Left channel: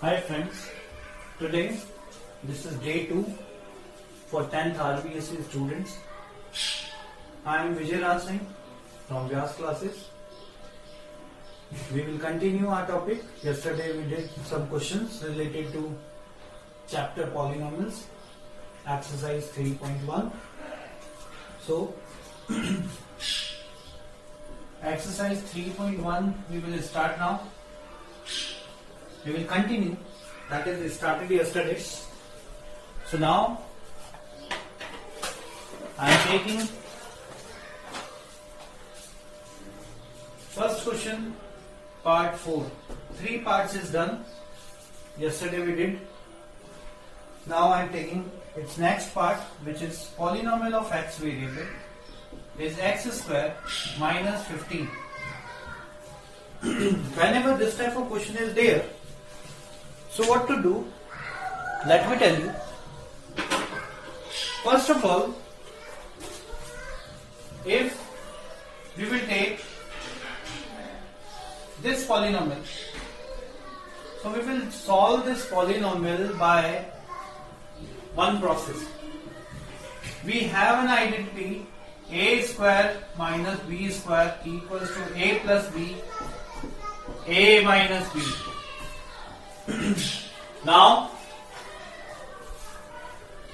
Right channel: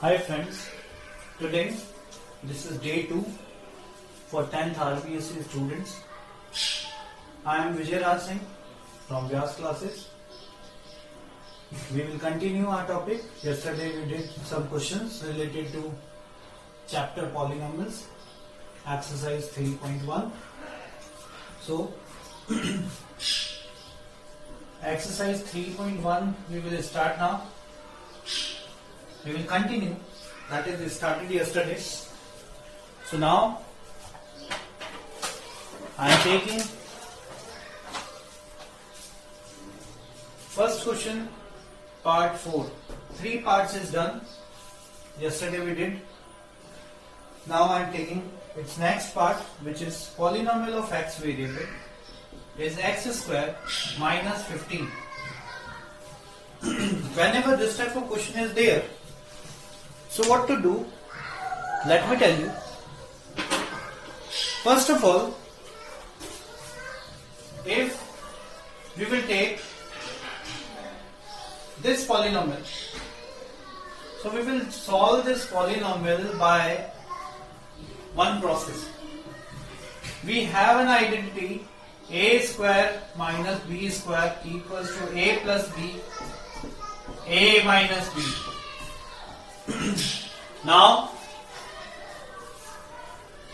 Hi friends, today this is day 2 for 10th RBSc students. I am Vijay Raj Singh from Vyas classes. We will continue our topic. Yesterday we did some questions related to chapter polynomials, exercise 3.1. So exercise 3.1 we will start now. We will continue, that is we started yesterday. So now I am taking first question part 4. 3 parts is done. Yesterday we did. Now I am taking its next part, which is polynomial of x variable is x square minus 15. Whenever this type of question is there, so what to do? Let me tell you. First of all, if we will take this polynomial, so we will solve this polynomial by one process. We have an identity a square minus b square equals to a plus b, a minus b. Now,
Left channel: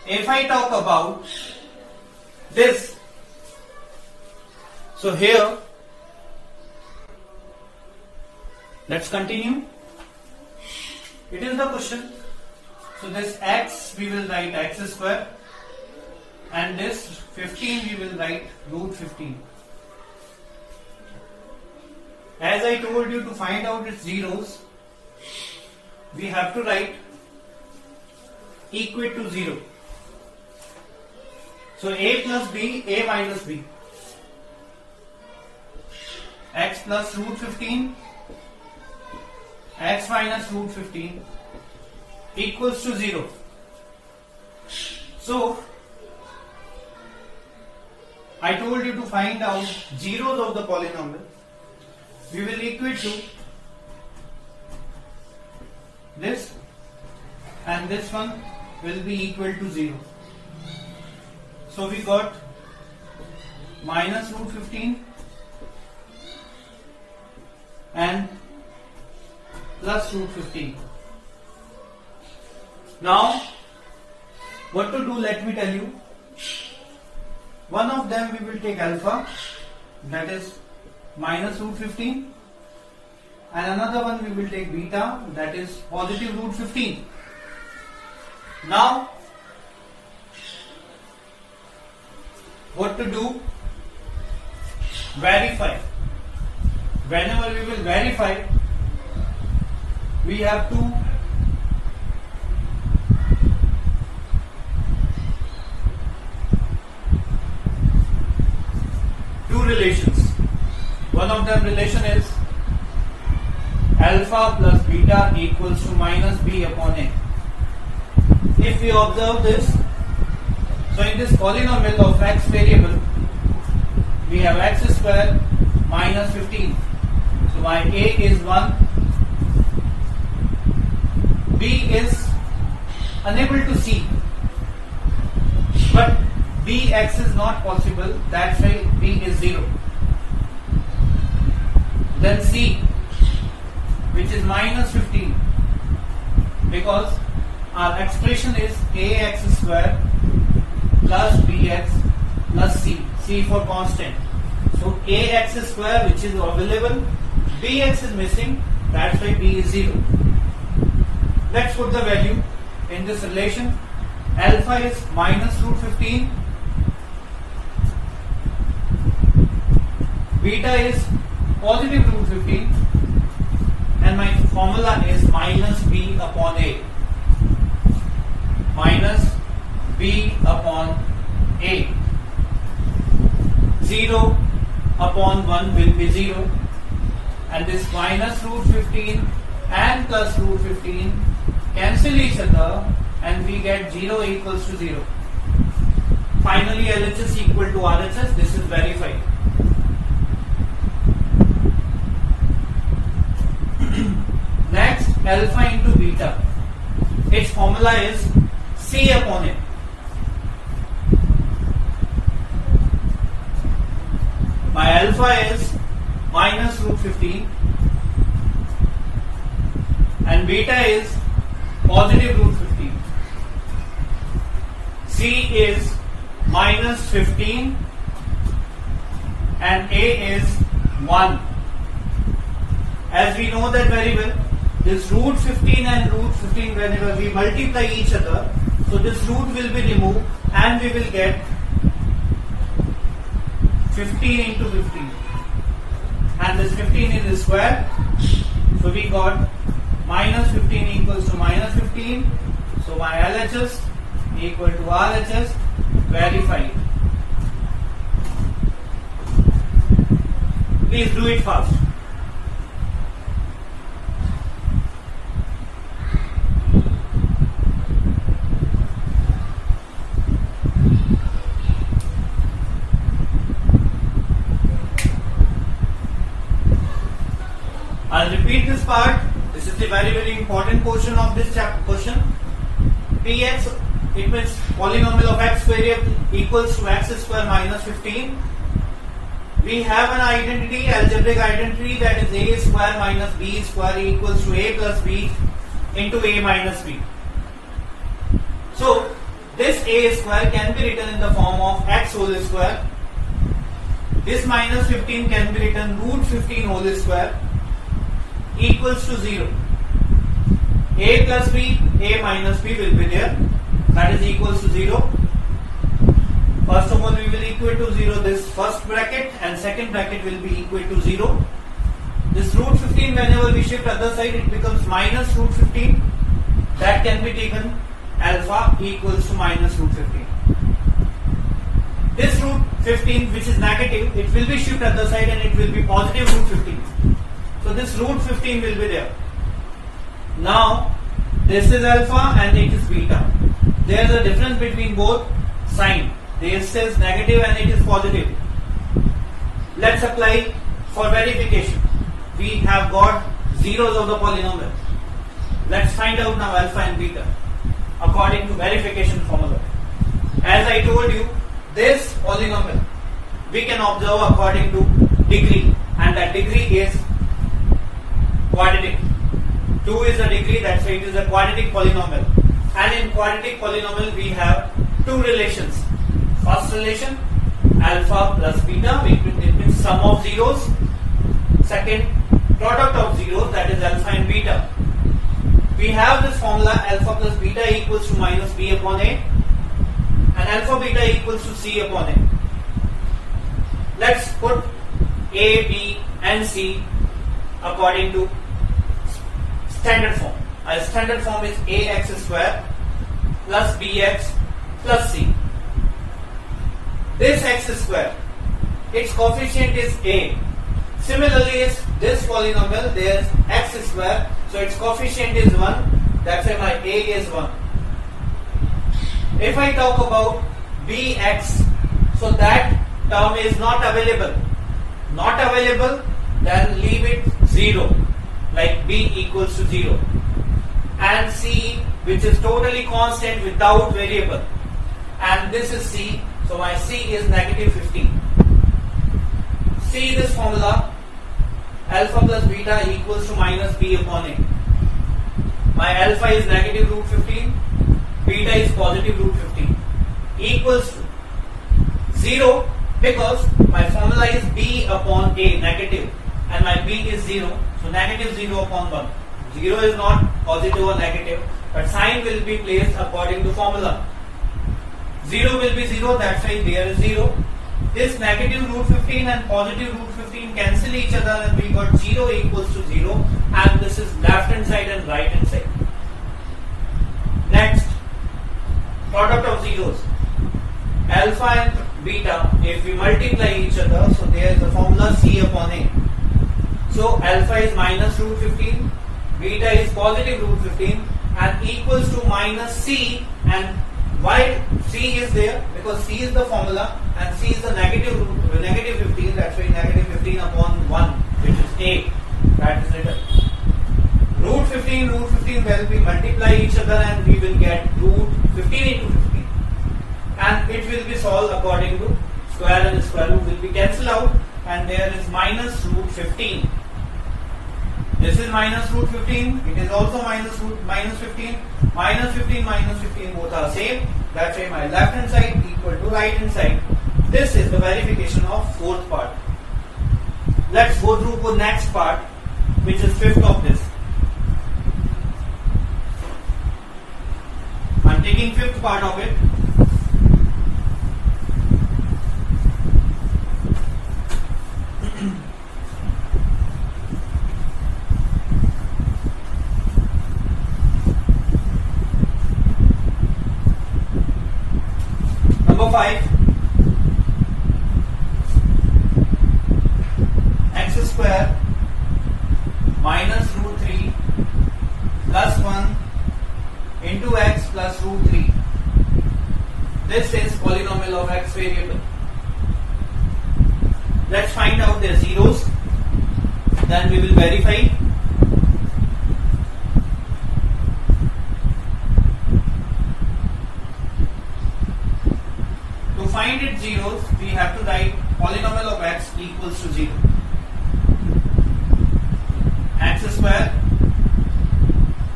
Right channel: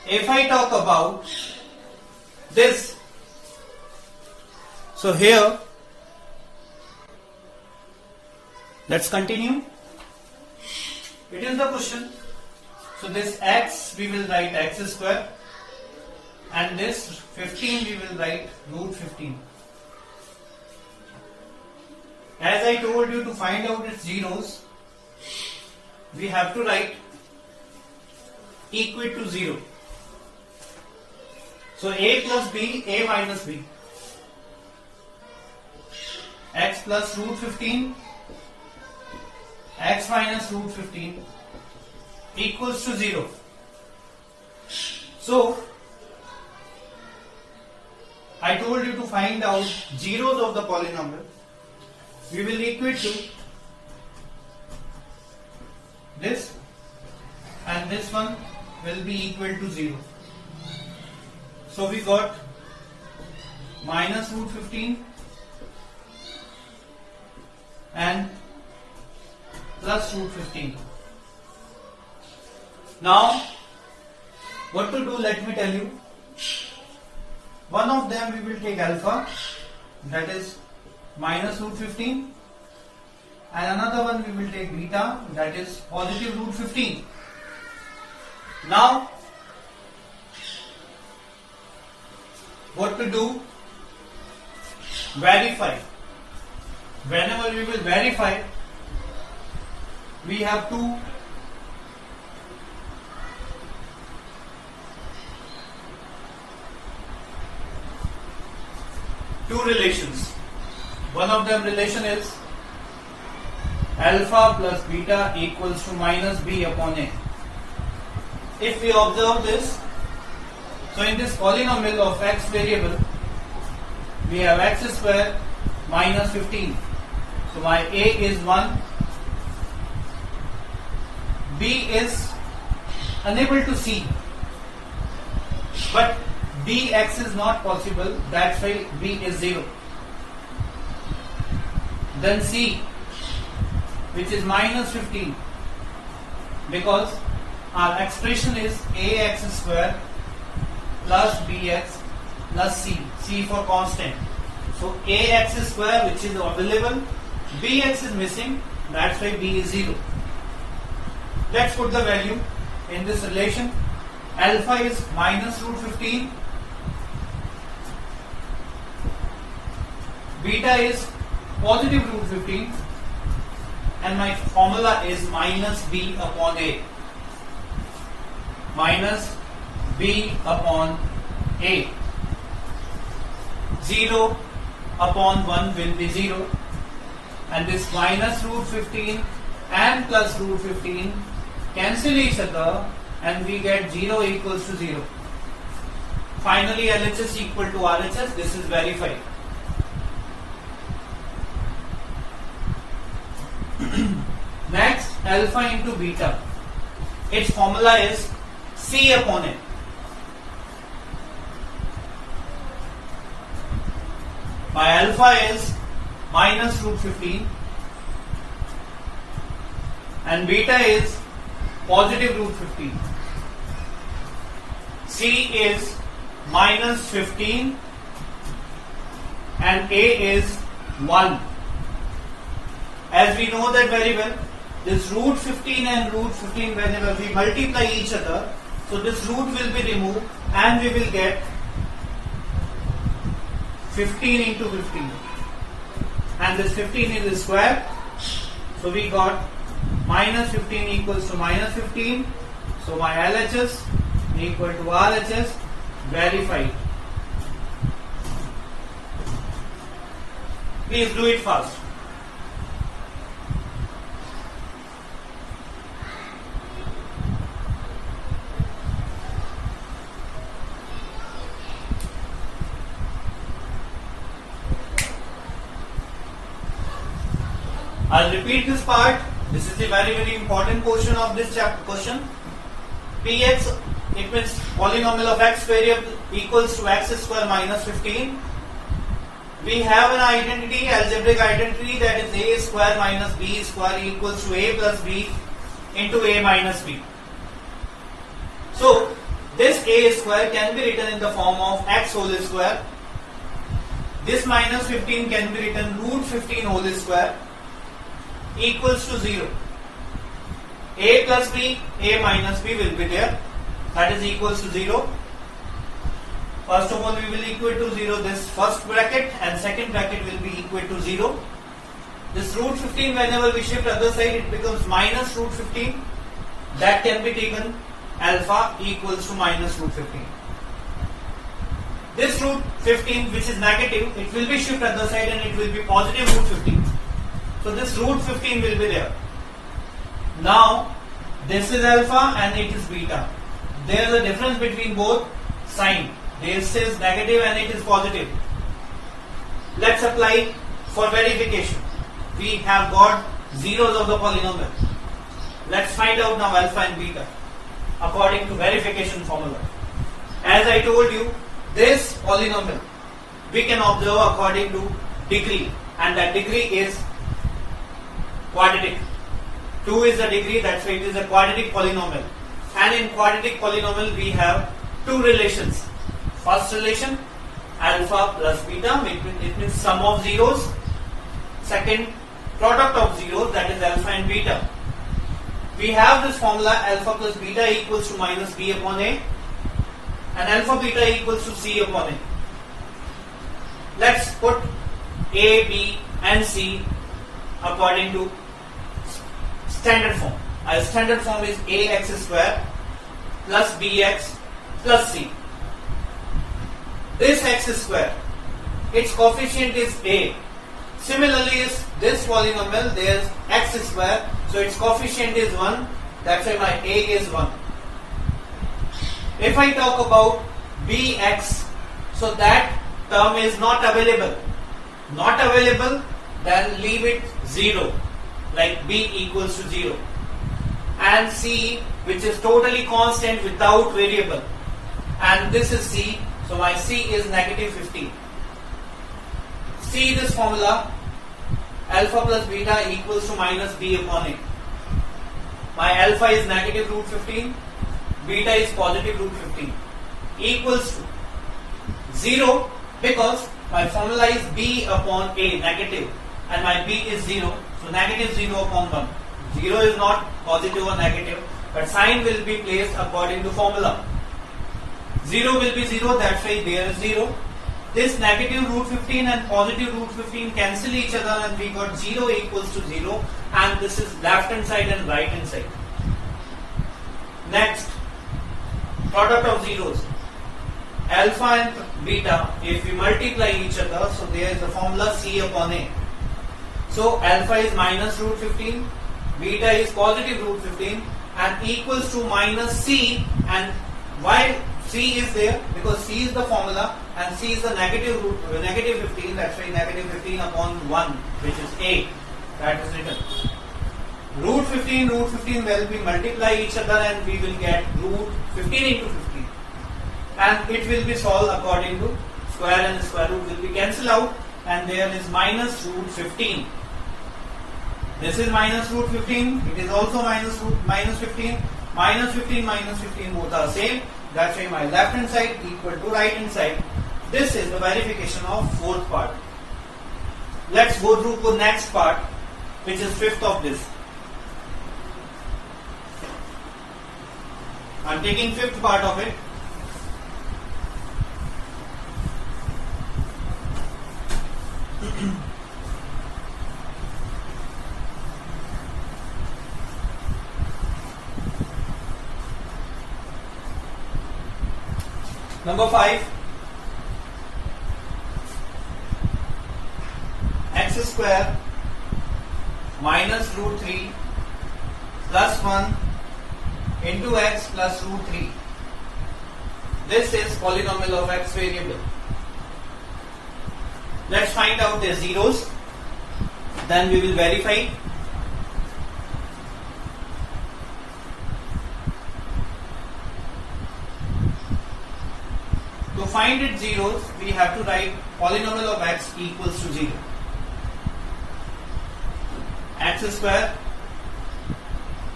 if I talk about this, so here, let's continue. It is the question. So this x we will write x square, and this 15 we will write root 15. As I told you, to find out its zeros, we have to write equate to 0. So a plus b, a minus b. X plus root 15, x minus root 15 equals to 0. So I told you to find out zeros of the polynomial. We will equate to this, and this one will be equal to 0. So we got minus root 15 and plus root 15. Now what to do, let me tell you. One of them we will take alpha, that is minus root 15, and another one we will take beta, that is positive root 15. Now what to do? Verify. Whenever we will verify, we have two relations. One of them relation is alpha plus beta equals to minus b upon a. If we observe this, so in this polynomial of x variable, we have x square minus 15. So my a is 1, b is unable to see, but bx is not possible, that's why b is 0. Then c, which is minus 15, because our expression is ax square plus bx plus c for constant. So ax square, which is available, bx is missing, that's why b is 0. Let's put the value in this relation. Alpha is minus root 15, beta is positive root 15, and my formula is minus b upon a. Minus b upon a. 0 upon 1 will be 0, and this minus root 15 and plus root 15 cancel each other, and we get 0 equals to 0. Finally, LHS equal to RHS. This is verified. Next, alpha into beta. Its formula is C upon A. My alpha is minus root 15 and beta is positive root 15. C is minus 15 and A is 1. As we know that very well, this root 15 and root 15, whenever we multiply each other, so this root will be removed and we will get 15 into 15. And this 15 is the square. So we got minus 15 equals to minus 15. So my LHS equal to RHS, verified. Please do it fast. I'll repeat this part. This is the very important portion of this question. Px, it means polynomial of x variable equals to x square minus 15. We have an identity, algebraic identity, that is a square minus b square equals to a plus b into a minus b. So this a square can be written in the form of x whole square. This minus 15 can be written root 15 whole square equals to 0. A plus b, a minus b will be there. That is equals to 0. First of all, we will equate to 0 this first bracket and second bracket will be equal to 0. This root 15, whenever we shift other side, it becomes minus root 15. That can be taken alpha equals to minus root 15. This root 15, which is negative, it will be shift other side and it will be positive root 15. So this root 15 will be there. Now this is alpha and it is beta. There is a difference between both sign. This is negative and it is positive. Let's apply for verification. We have got zeros of the polynomial. Let's find out now alpha and beta according to verification formula. As I told you, this polynomial we can observe according to degree, and that degree is quadratic. 2 is the degree, that's why it is a quadratic polynomial. And in quadratic polynomial we have two relations. First relation, alpha plus beta, it means sum of zeros. Second, product of zeros, that is alpha and beta. We have this formula alpha plus beta equals to minus b upon a, and alpha beta equals to c upon a. Let's put a, b and c according to standard form. Our standard form is ax square plus bx plus c. This x square, its coefficient is a. Similarly, is this polynomial, there is x square, so its coefficient is 1. That's why my a is 1. If I talk about bx, so that term is not available. Not available, then leave it 0, like b equals to 0. And c, which is totally constant without variable, and this is c, so my c is negative 15. See this formula, alpha plus beta equals to minus b upon a. My alpha is negative root 15, beta is positive root 15, equals to 0, because my formula is b upon a, negative, and my b is 0, so negative 0 upon 1. 0 is not positive or negative, but sign will be placed according to formula. 0 will be 0, that's why there is 0. This negative root 15 and positive root 15 cancel each other and we got 0 equals to 0, and this is left hand side and right hand side. Next, product of zeros. Alpha and beta, if we multiply each other, so there is a formula c upon a. So alpha is minus root 15, beta is positive root 15, and equals to minus c. And why c is there? Because c is the formula and c is the negative root, negative 15, that's why negative 15 upon 1, which is a. That is written. root 15 will be multiply each other and we will get root 15 into 15, and it will be solved according to square and square root will be cancelled out, and there is minus root 15. This is minus root 15, it is also minus 15, minus 15 both are same. That's why my left hand side equal to right hand side. This is the verification of fourth part. Let's go through the next part, which is fifth of this. I'm taking fifth part of it. Number 5, x square minus root 3 plus 1 into x plus root 3. This is polynomial of x variable. Let's find out the zeros, then we will verify. To find its zeros, we have to write polynomial of x equals to 0. X square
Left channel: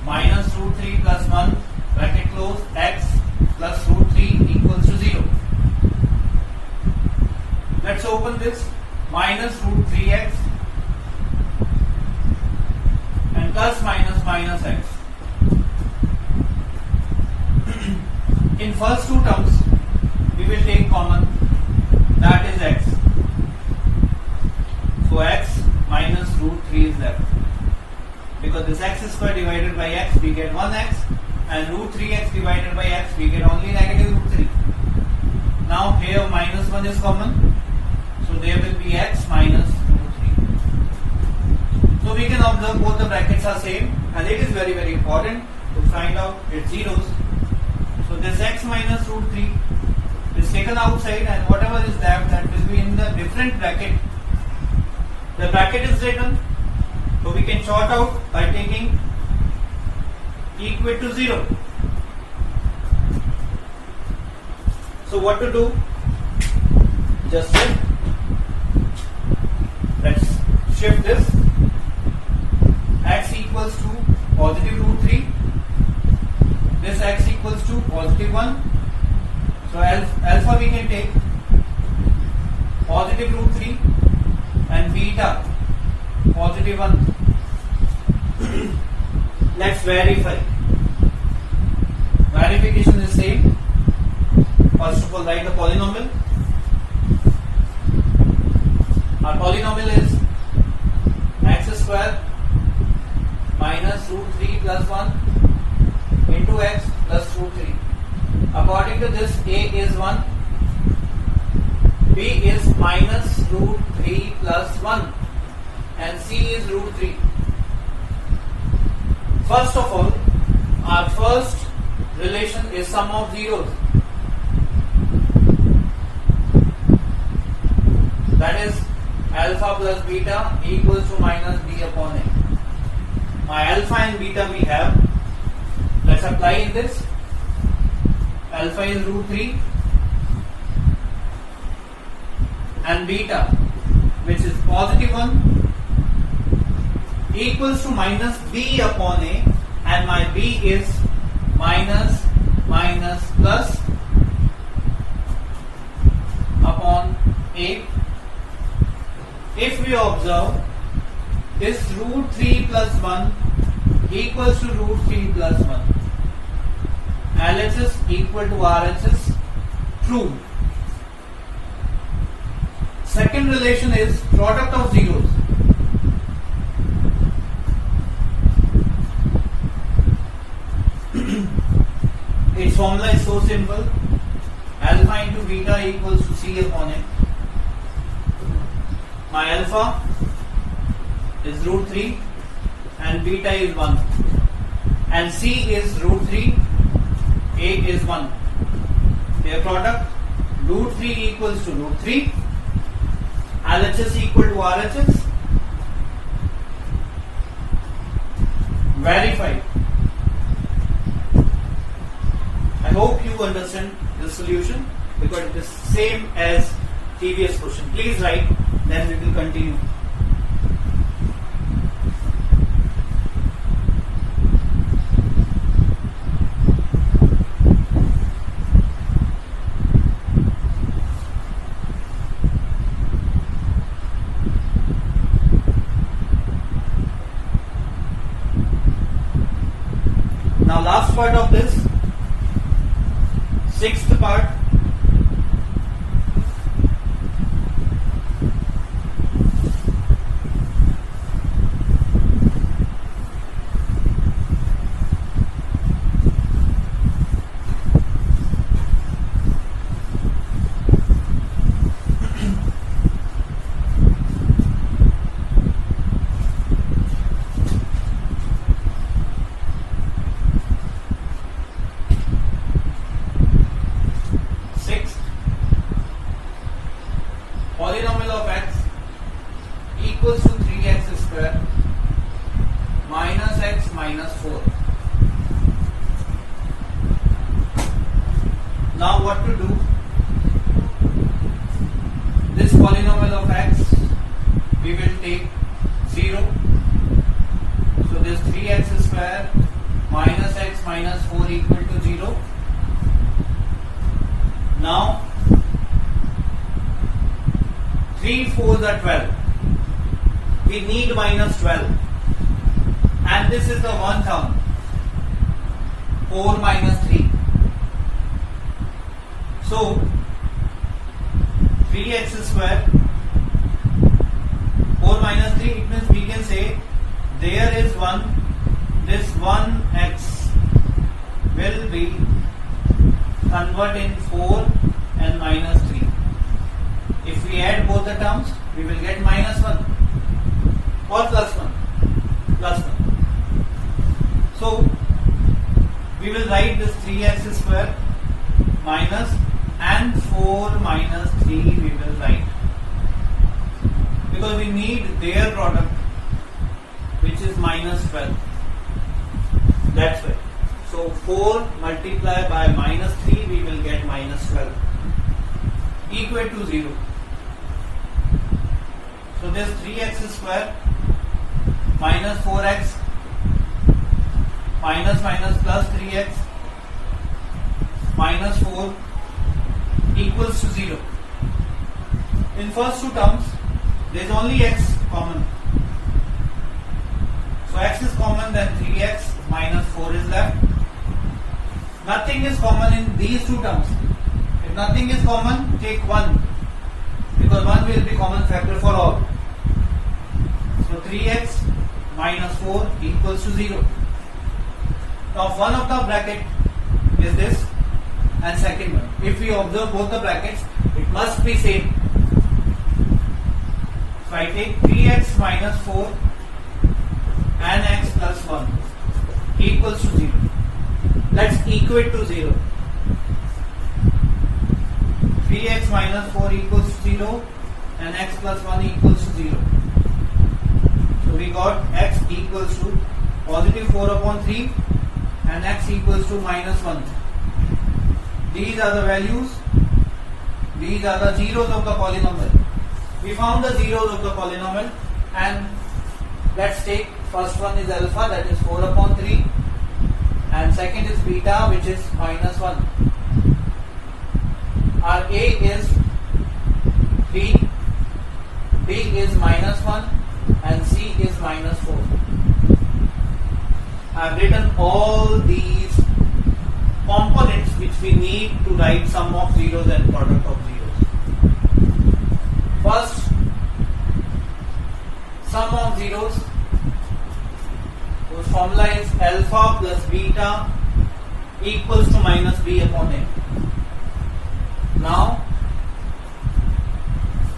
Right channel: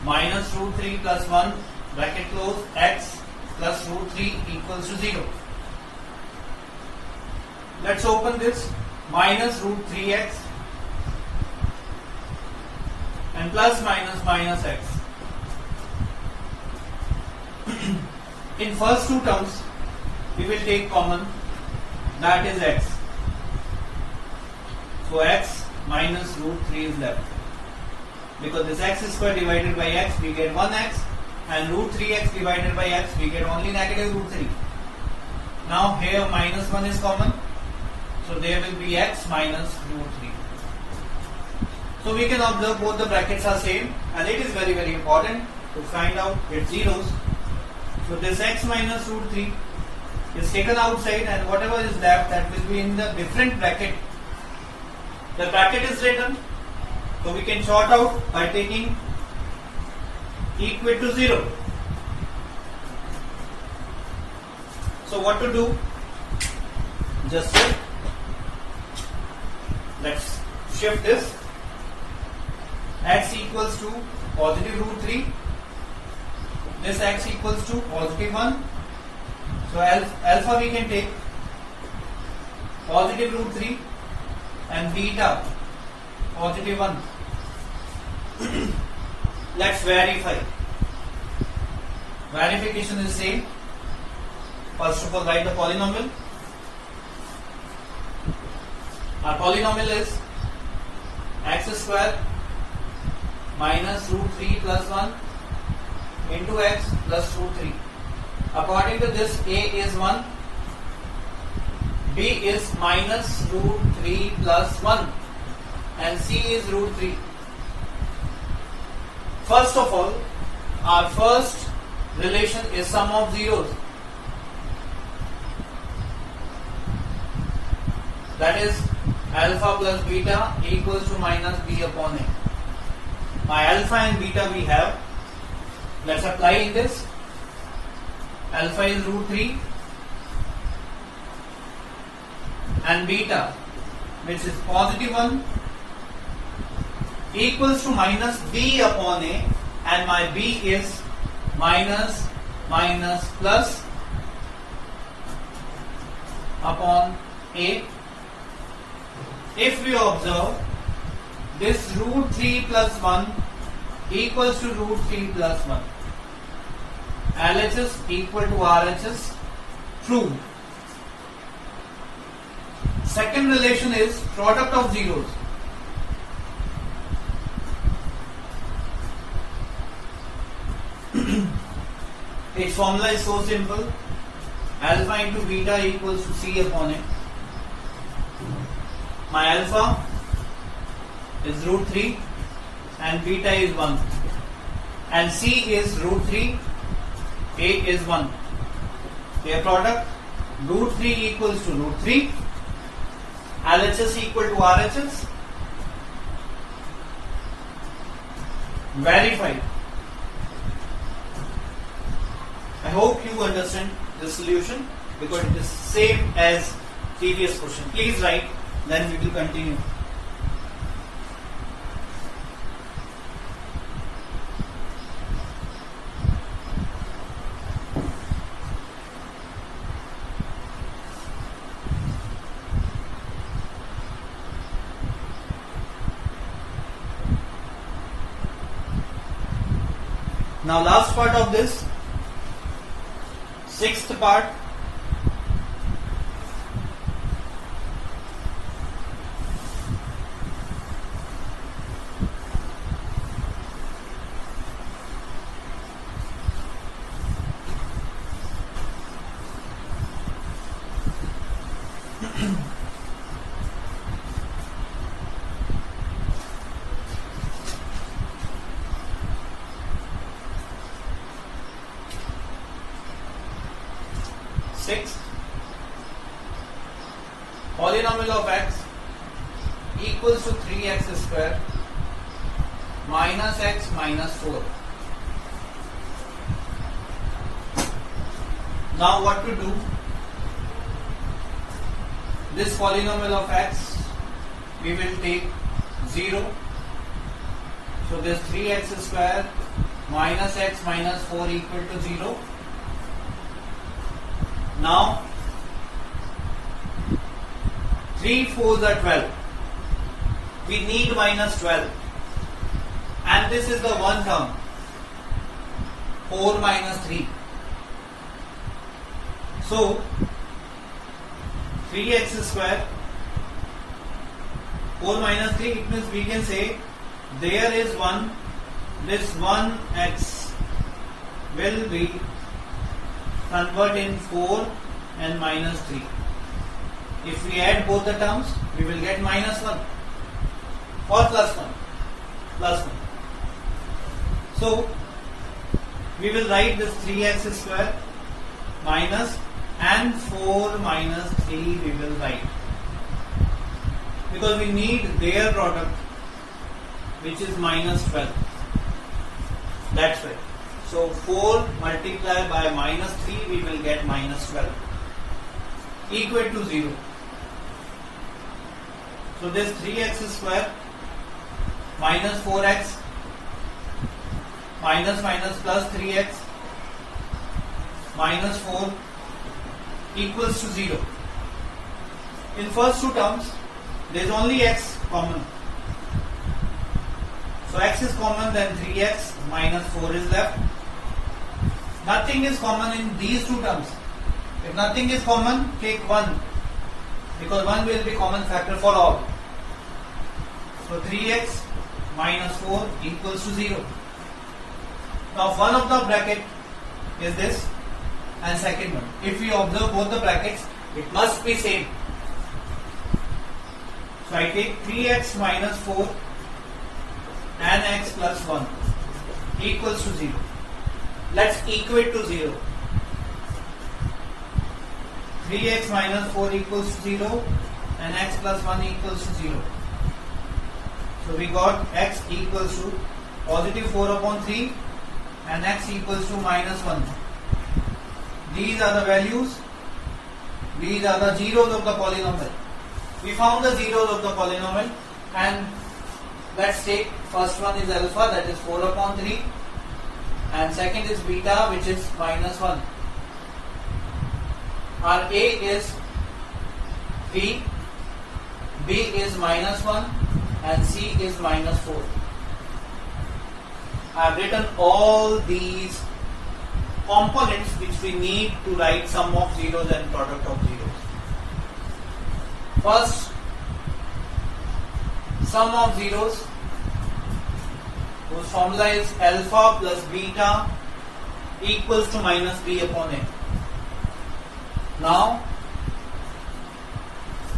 minus root 3 plus 1 bracket close x plus root 3 equals to 0. Let's open this. Minus root 3x and plus minus x. In first two terms, we will take common, that is x. So x minus root 3 is left. Because this x square divided by x, we get 1x, and root 3x divided by x, we get only negative root 3. Now here minus 1 is common, so there will be x minus root 3. So we can observe both the brackets are same, and it is very very important to find out its zeros. So this x minus root 3 is taken outside, and whatever is left, that will be in the different bracket. The bracket is written, so we can sort out by taking equal to 0. So what to do? Just let's shift this. X equals to positive root 3. This x equals to positive 1. So alpha we can take positive root 3 and beta positive 1. Let's verify. Verification is same. First of all, write the polynomial. Our polynomial is x square minus root 3 plus 1 into x plus root 3. According to this, a is 1, b is minus root 3 plus 1, and c is root 3. First of all, our first relation is sum of zeros. That is alpha plus beta equals to minus b upon a. My alpha and beta we have. Let's apply in this. Alpha is root 3 and beta, which is positive 1, equals to minus b upon a, and my b is minus plus upon a. If we observe, this root 3 plus 1 equals to root 3 plus 1. LHS equal to RHS, true. Second relation is product of zeros. Its formula is so simple. Alpha into beta equals to c upon m. My alpha is root 3 and beta is 1, and c is root 3, a is 1. Their product, root 3 equals to root 3, LHS equal to RHS, verify. I hope you understand the solution because it is same as previous question. Please write, then we will continue. Now last part of this, sixth part. Sixth, polynomial of x equals to 3x square minus x minus 4. Now what to do? This polynomial of x, we will take 0. So this 3x square minus x minus 4 equal to 0. Now 3 4s are 12. We need minus 12. And this is the one term. 4 minus 3. So 3x square 4 minus 3, it means we can say there is 1, this 1x will be convert in 4 and minus 3. If we add both the terms, we will get minus 1 or plus 1. Plus 1. So, we will write this 3x square minus and 4 minus 3 we will write. Because we need their product, which is minus 12. That's it. So 4 multiplied by minus 3, we will get minus 12. Equal to 0. So this 3x square minus 4x minus minus plus 3x minus 4 equals to 0. In first two terms, there is only x common. So x is common, then 3x minus 4 is left. Nothing is common in these two terms. If nothing is common, take 1. Because 1 will be common factor for all. So 3x minus 4 equals to 0. Now one of the bracket is this and second one. If we observe both the brackets, it must be same. So I take 3x minus 4 and x plus 1 equals to 0. Let's equate to 0. 3x minus 4 equals to 0 and x plus 1 equals to 0. So we got x equals to positive 4 upon 3 and x equals to minus 1. These are the values. These are the zeros of the polynomial. We found the zeros of the polynomial, and let's take first one is alpha, that is 4 upon 3, and second is beta, which is minus 1. Our A is 3, B is minus 1 and C is minus 4. I have written all these components which we need to write sum of zeros and product of zeros. First, sum of zeros, whose formula is alpha plus beta equals to minus b upon a. Now,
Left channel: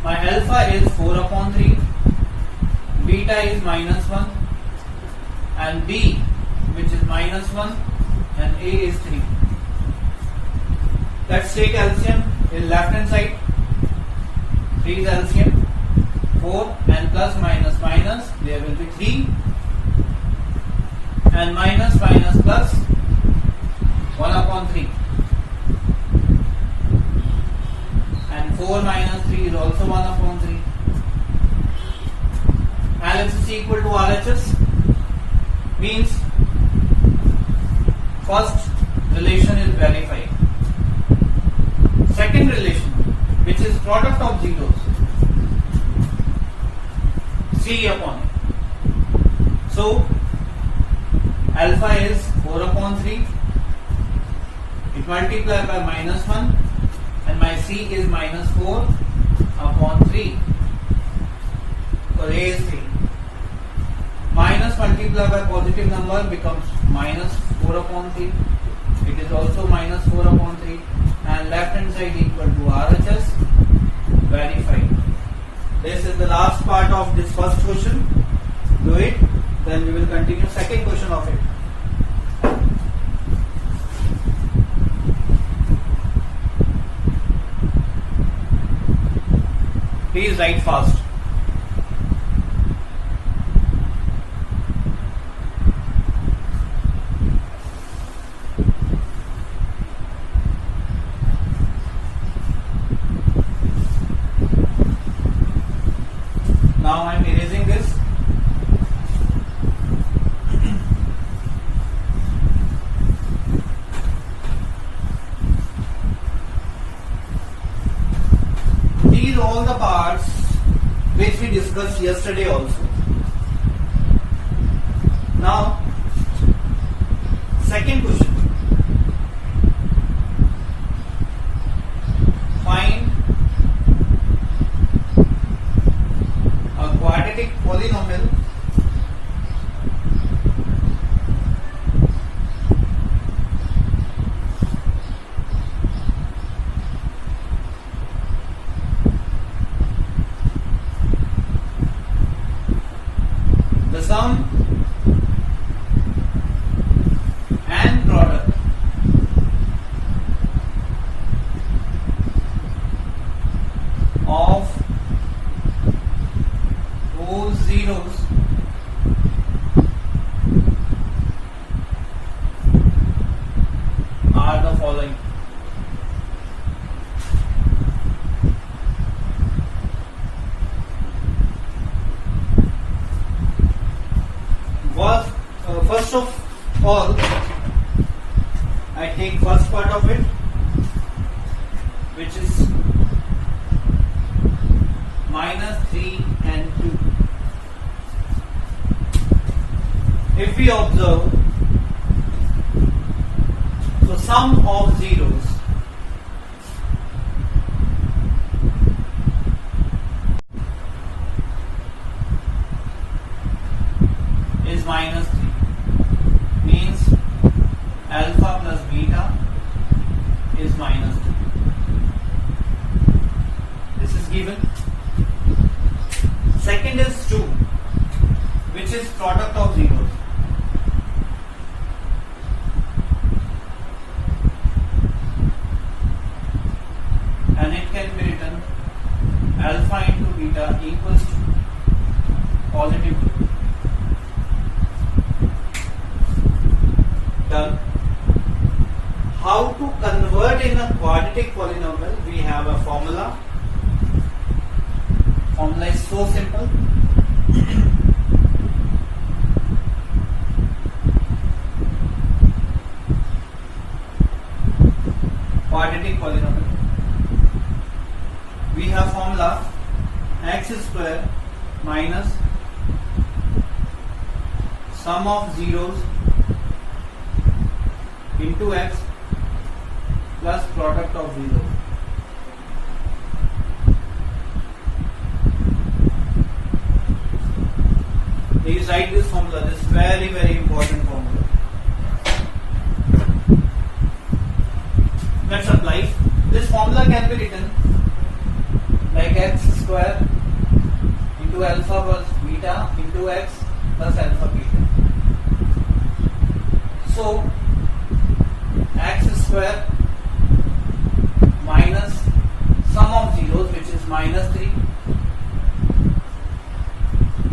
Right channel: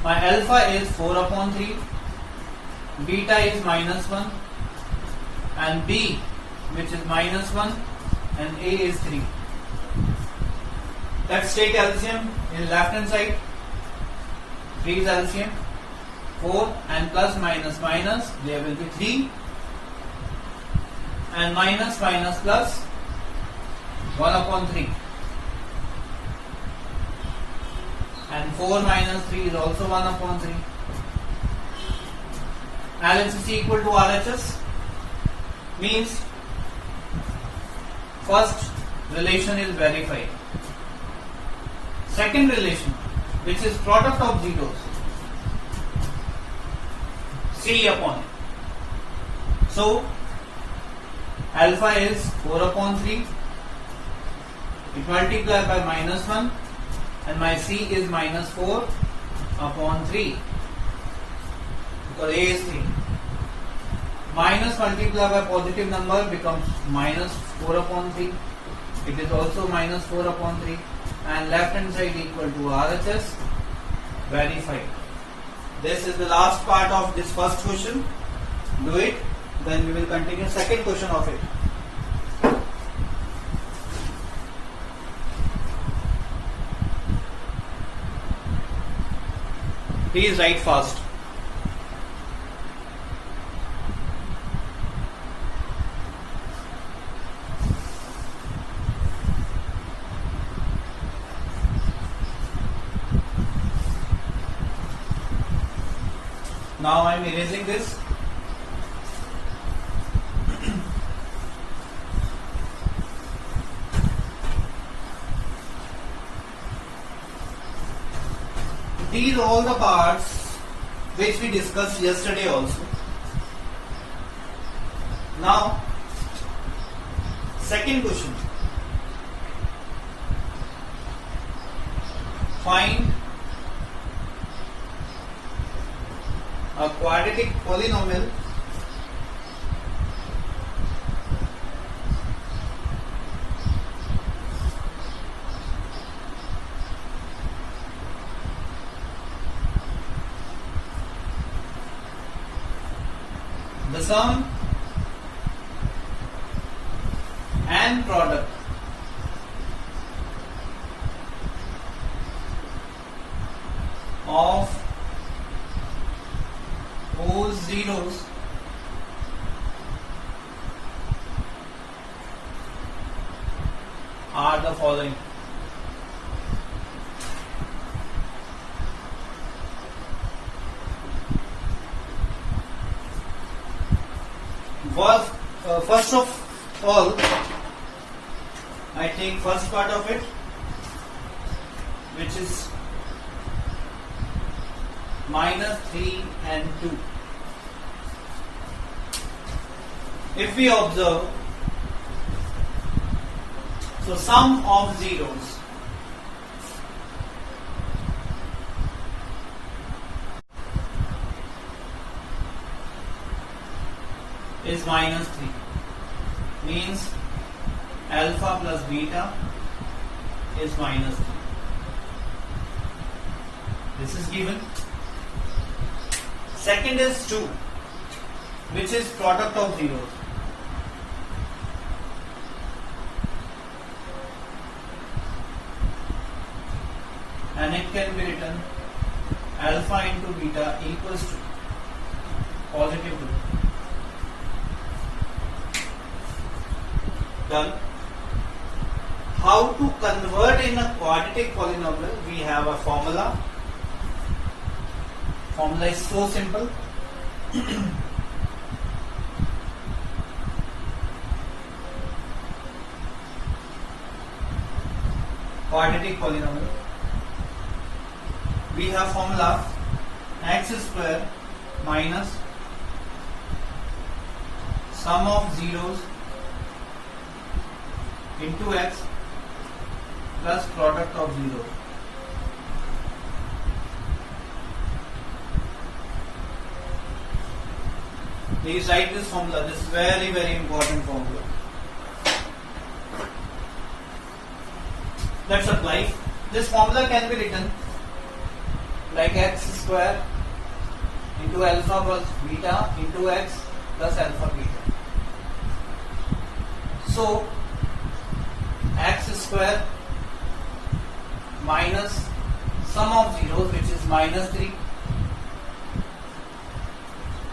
my alpha is 4 upon 3, beta is minus 1, and b, which is minus 1, and a is 3. Let's take LCM in left hand side. 3 is LCM, 4 and plus minus minus, there will be 3, and minus minus plus 1 upon 3, and 4 minus 3 is also 1 upon 3. LHS equal to RHS means first relation is verified. Second relation, which is product of zeros, 3 upon. So alpha is 4 upon 3. It multiplies by minus 1 and my C is minus 4 upon 3. So A is 3. Minus multiplied by positive number becomes minus 4 upon 3. It is also minus 4 upon 3. And left hand side equal to RHS, verified. This is the last part of this first question. Do it, then we will continue second question of it. Please write fast. Now I am erasing this. These are all the parts which we discussed yesterday also. Now, second question. Find a quadratic polynomial the sum and product of those zeros are the following. First of all, I take first part of it, which is minus 3 and 2. If we observe, so sum of zeros is minus 3, means alpha plus beta is minus 3. This is given. Second is 2, which is product of zeros. And it can be written alpha into beta equals to positive 2. Done. How to convert in a quadratic polynomial? We have a formula. Formula is so simple. Quadratic polynomial. We have formula x square minus sum of zeros into x plus product of zeros. Please write this formula. This is very, very important formula. Let's apply. This formula can be written like x square into alpha plus beta into x plus alpha beta. So x square minus sum of zeros, which is minus 3,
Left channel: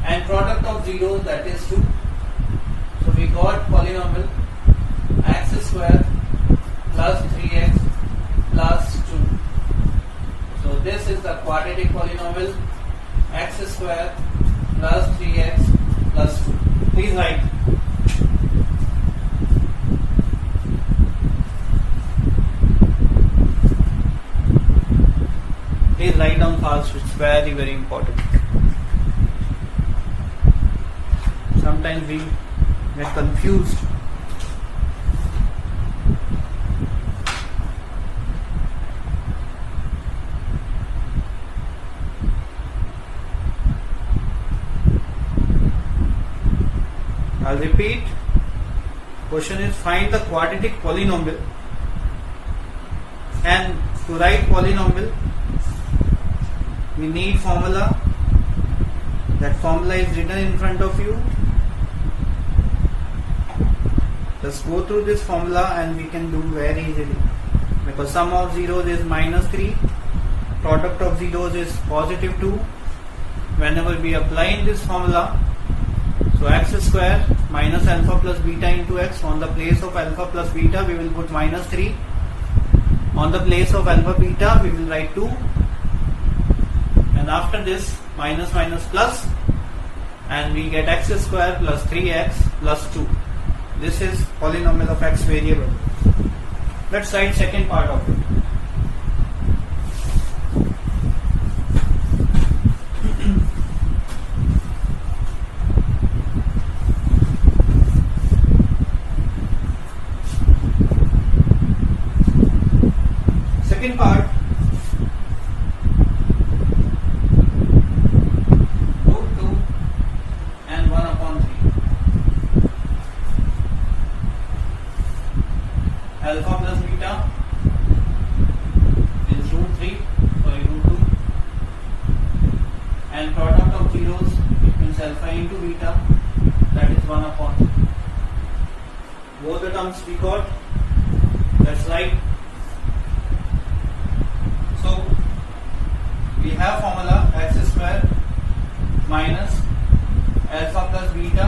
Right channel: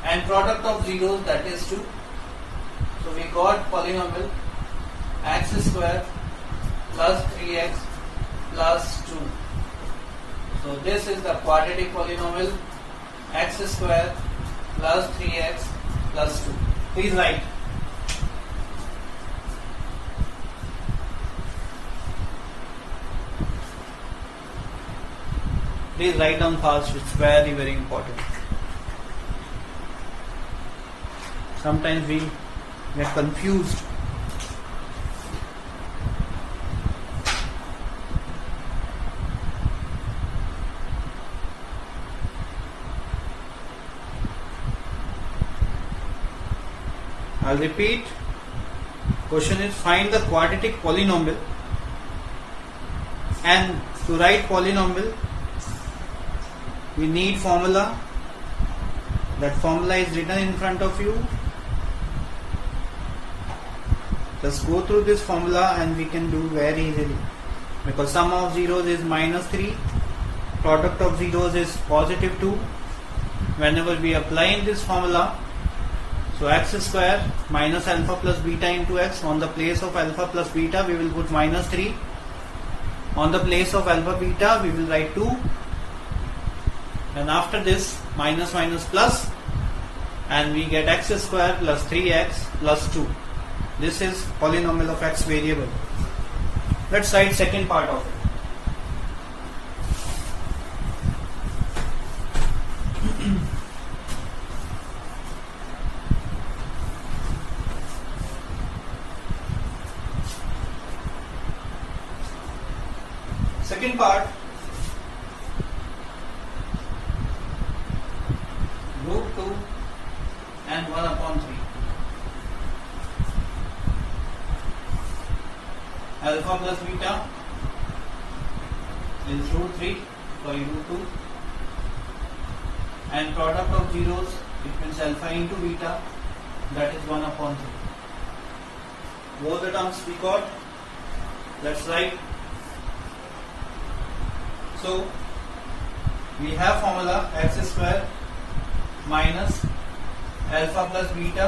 and product of zeros, that is 2. So we got polynomial x square plus 3x plus 2. So this is the quadratic polynomial x square plus 3x plus 2. Please write. Please write down fast, it's very very important. Sometimes we get confused. I'll repeat. Question is, find the quadratic polynomial, and to write polynomial we need formula. That formula is written in front of you. Just go through this formula and we can do very easily, because sum of zeros is -3, product of zeros is +2. Whenever we apply this formula, so x square minus alpha plus beta into x, on the place of alpha plus beta we will put -3, on the place of alpha beta we will write 2, and after this minus minus plus, and we get x square plus 3x plus 2. This is polynomial of x variable. Let's write second part of it. Second part, root 2 and 1 upon 3. Alpha plus beta is root 2, and product of zeros, it means alpha into beta, that is 1 upon 3. Both the terms we got. Let's write. So we have formula x square minus alpha plus beta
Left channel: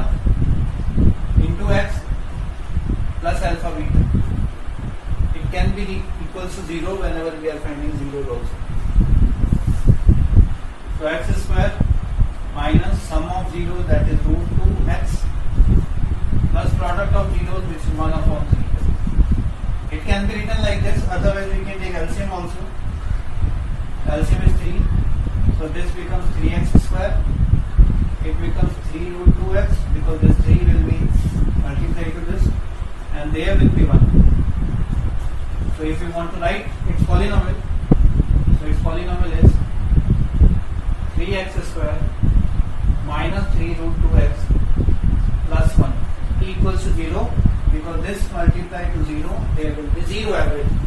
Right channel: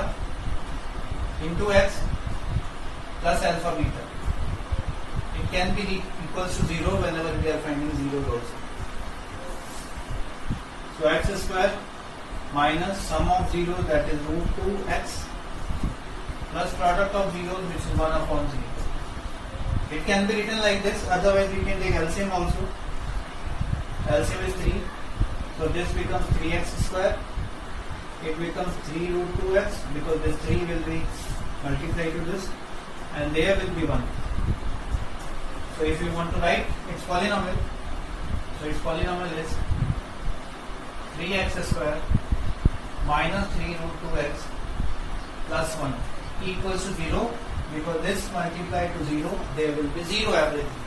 into x plus alpha beta. It can be equals to 0 whenever we are finding zeros also. So x square minus sum of zeros, that is root 2x, plus product of zeros, which is 1 upon 3. It can be written like this, otherwise we can take LCM also. LCM is 3, so this becomes 3x square. It becomes 3 root 2x, because this 3 will be multiplied to this, and there will be 1. So if you want to write its polynomial, so its polynomial is 3x square minus 3 root 2x plus 1 equals to 0, because this multiplied to 0, there will be 0 everything.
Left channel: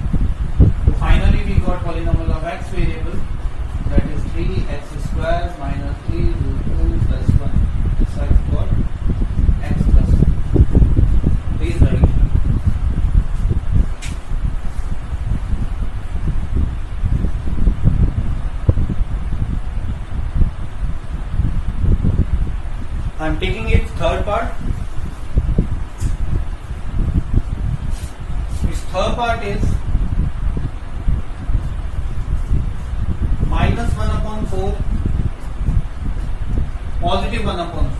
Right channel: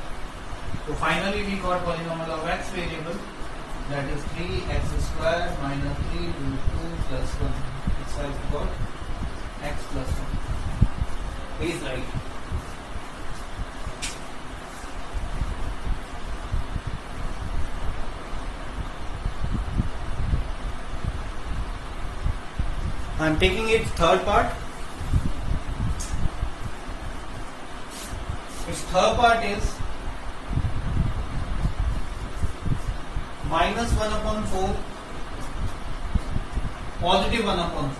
So finally we got polynomial of x variable, that is 3x square minus 3 root 2 plus 1. So I've got x plus 1. Please write. I am taking its third part. Its third part is minus 1 upon 4, positive 1 upon 4.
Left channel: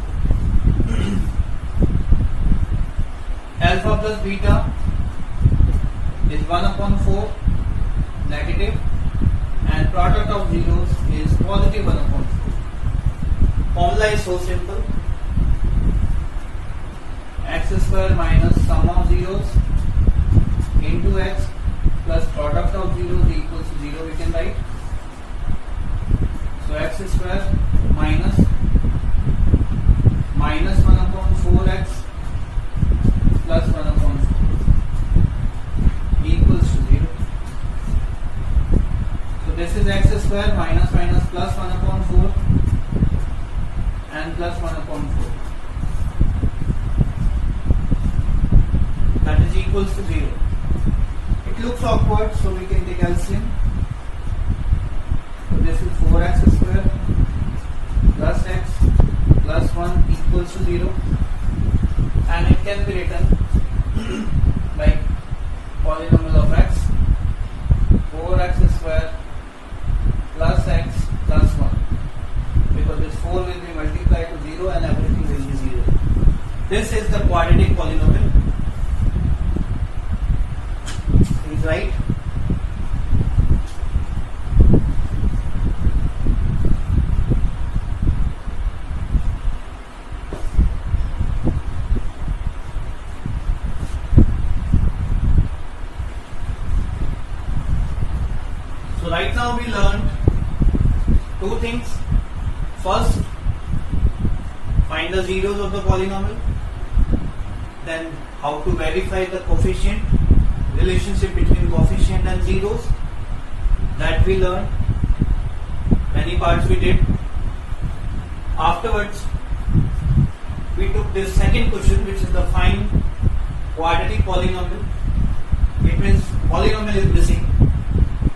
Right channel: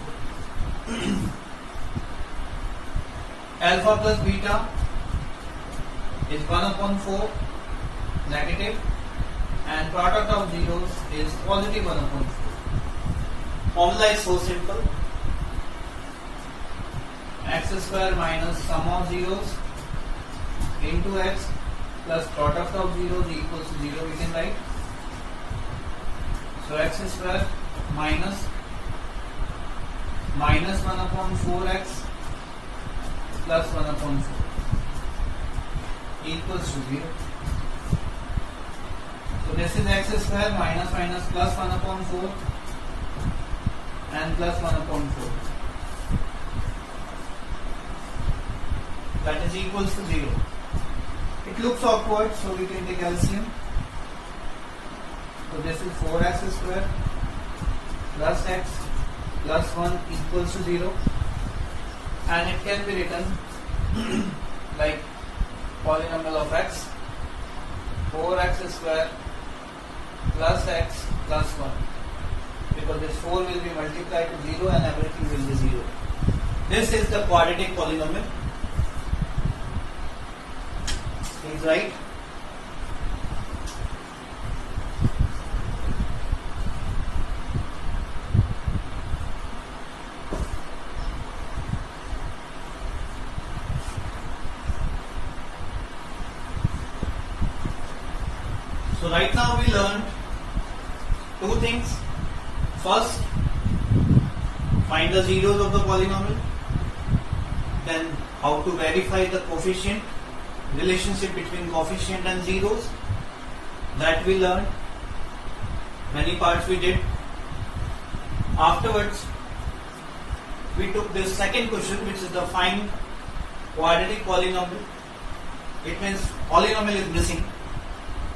Alpha plus beta is 1 upon 4, negative, and product of zeros is positive 1 upon 4. Formula is so simple. X square minus sum of zeros into x plus product of zeros equals to 0, we can write. So x square minus 1 upon 4x plus 1 upon 4 equals to 0. So this is x square minus plus 1 upon 4 and plus 1 upon 4. That is equals to 0. It looks awkward, so we can take LCM. So this is 4x square plus x plus 1 equals to 0. and it can be written like polynomial of x 4x square plus x plus 1, because this 4 will be multiplied to 0 and everything will be 0. This is the quadratic polynomial. Please write. So right now we learned two things. First, find the zeros of the polynomial. Then how to verify the coefficient, relationship between coefficient and zeros. That we learned. Many parts we did. Afterwards, we took this second question, which is the find quadratic polynomial. It means polynomial is missing,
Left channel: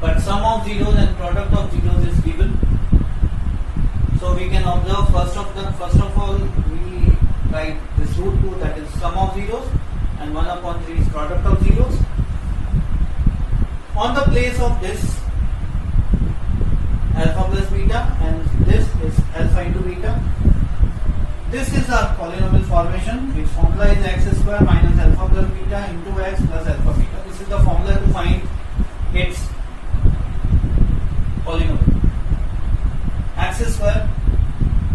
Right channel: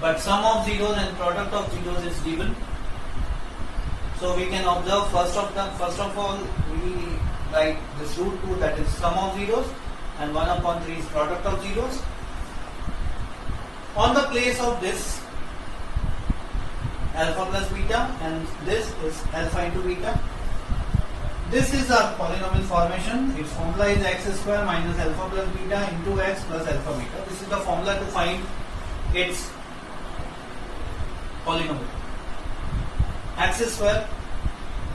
but sum of zeros and product of zeros is given. So we can observe first of all we write this root 2, that is sum of zeros, and 1 upon 3 is product of zeros. On the place of this alpha plus beta, and this is alpha into beta. This is our polynomial formation. Its formula is x square minus alpha plus beta into x plus alpha beta. This is the formula to find its polynomial. X square,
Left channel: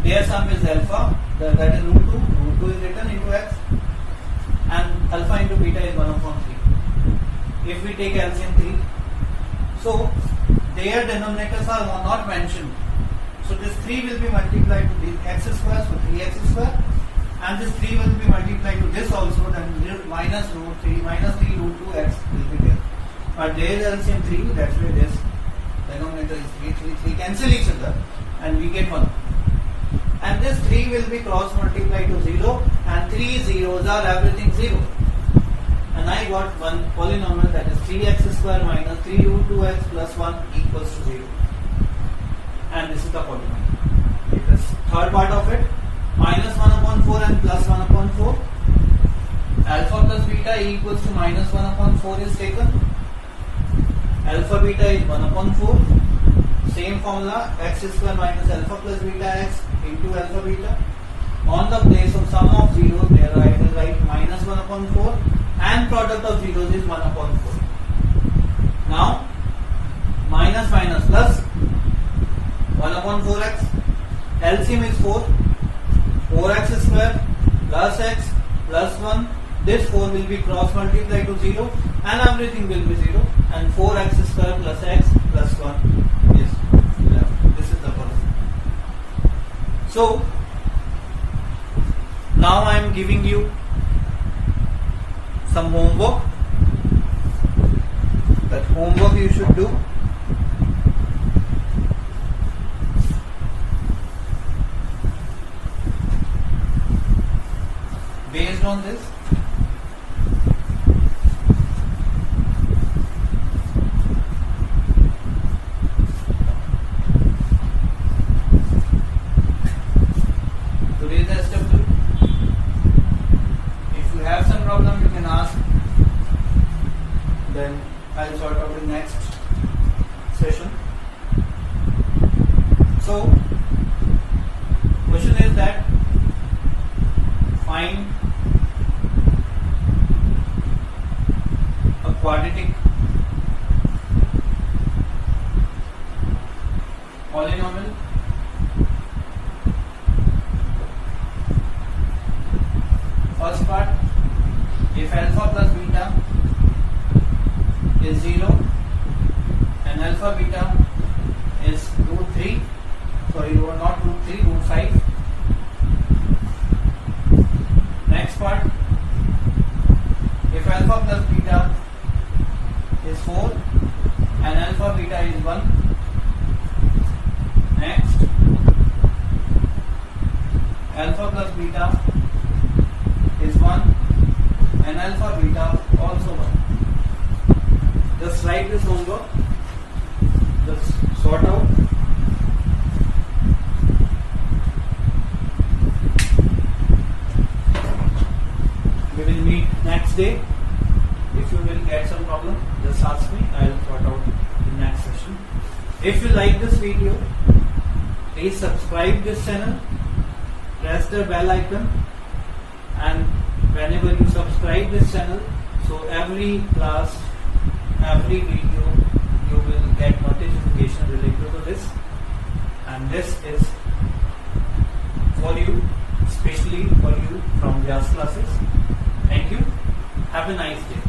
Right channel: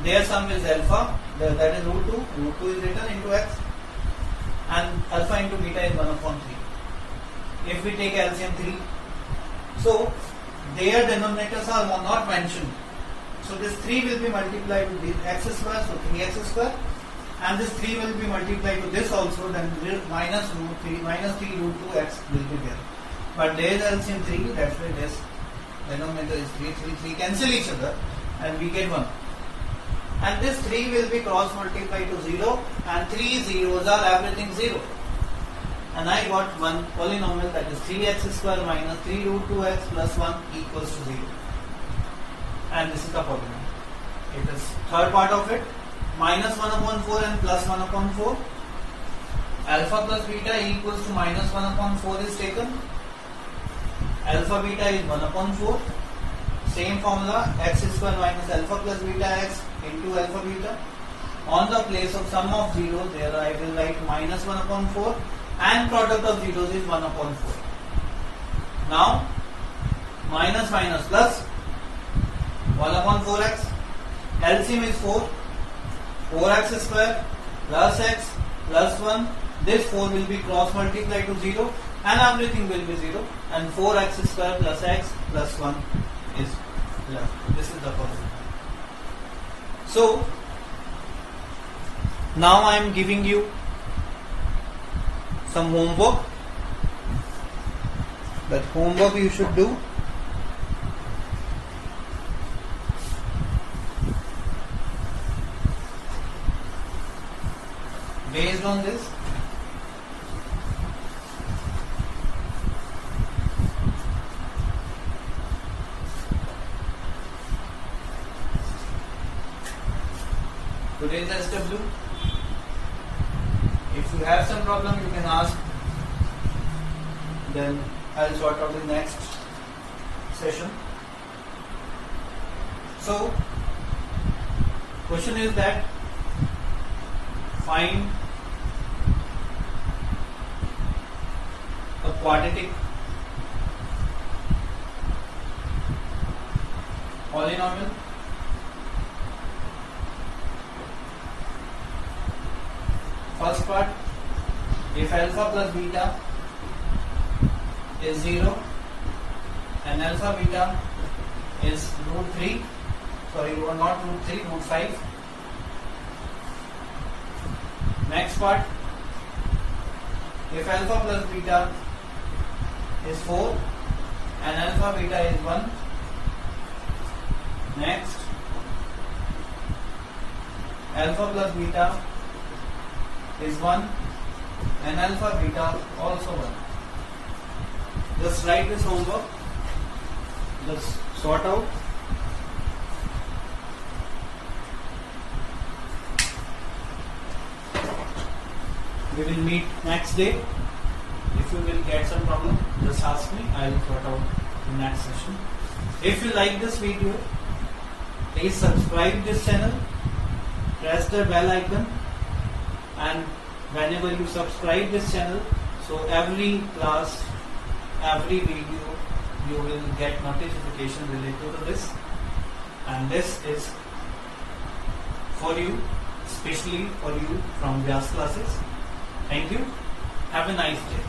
their sum is alpha, that is root 2. Root 2 is written into x, and alpha into beta is 1 upon 3. If we take LCM 3, so their denominators are not mentioned. So this 3 will be multiplied to this x square, so 3x square, and this 3 will be multiplied to this also, then minus root 3 root 2x will be there. But there is LCM 3, that's why this denominator is 3 cancel each other, and we get 1. And this 3 will be cross multiplied to 0, and 3 zeros are everything 0. And I got one polynomial, that is 3x square minus 3 root 2x plus 1 equals to 0. And this is the polynomial. It is third part of it, minus 1 upon 4 and plus 1 upon 4. Alpha plus beta equals to minus 1 upon 4 is taken. Alpha beta is 1 upon 4. Same formula, x square minus alpha plus beta x into alpha beta. On the place of sum of zeros, there I will write minus 1 upon 4, and product of zeros is 1 upon 4. Now, minus minus plus 1 upon 4x. LCM is 4. 4x square plus x plus 1. This 4 will be cross multiplied to 0, and everything will be 0. And 4x square plus x plus 1 is 11. This is the formula. So, now I am giving you some homework. That homework you should do. Based on this, today's SW. If you have some problem, you can ask. Then I'll sort out the next session. So, question is that find a quadratic polynomial first part, if alpha plus beta is 0 and alpha beta is root 3, sorry, not root 3, root 5. Next part, if alpha plus beta is 4 and alpha beta is 1. Next, alpha plus beta is 1 and alpha beta also 1. Just write this homework, just sort out. We will meet next day. If you will get some problem, just ask me. I will sort out the next session. If you like this video, please subscribe this channel, press the bell icon, and whenever you subscribe this channel, so every class, every video, you will get notification related to this, and this is for you, especially for you from Vyas classes. Thank you. Have a nice day.